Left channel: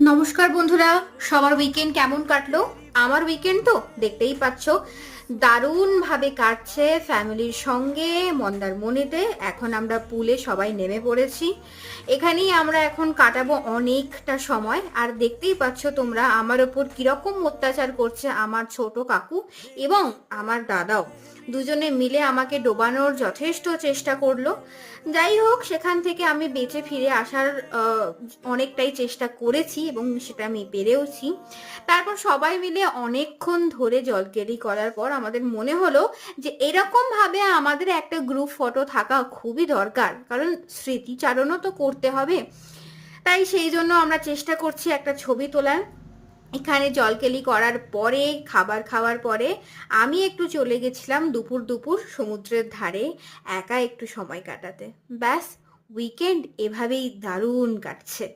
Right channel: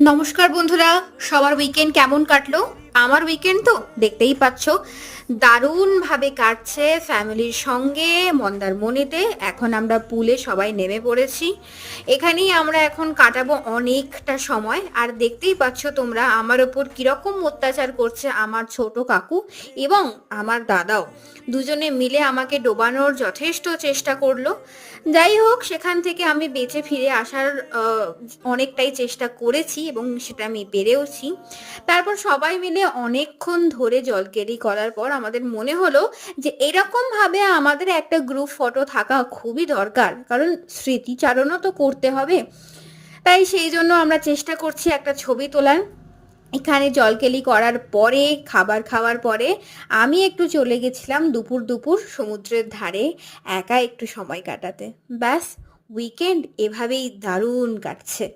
নমস্কার বন্ধুরা, সবার উইকেন্ড কেমন কাটলো? আমার উইকেন্ড তো দেখতেই পাচ্ছ দারুণভাবে কাটছে ফ্যামিলির সঙ্গে মন্দারমণিতে। এখন আমরা পুলে সবাই নেমে পড়েছি। এখানেই আমরা এখন কাটাবো অনেকটা সময়। আর দেখতেই পাচ্ছ তোমরা আমার ওপর কিরকম অত্যাচার করছে আমার ছোট কাকু এবং আমার দাদাও। দুজনে মিলে আমাকে ডোবানোর যথেষ্ট চেষ্টা করলো। যাই হোক, সেখান থেকে আমি বেঁচে ফিরে আসার অনেকটাই চেষ্টা করেছি এবং সেটা আমি পেরেওছি। তারপর সবাই মিলে অনেকক্ষণ ধরে জলকেলি করার পর আমাদের মনে হলো যে এরকম ভাবে আমাদের একটা গ্রুপ ফটো থাকা খুবই দরকার, কারণ স্মৃতিচারণও তো করতে হবে। তাই সেই জন্য আমরা চেষ্টা করছি একটা ছবি তোলার। এখানে জলকেলি করার পরে, খাবার খাওয়ার পরে আমি একটু চলে গেছিলাম দুপুর দুপুর সমুদ্রের ধারে একা একটু সময় কাটাতে। ব্যাস, উইকেন্ড এভাবেই দারুণ কাটছে।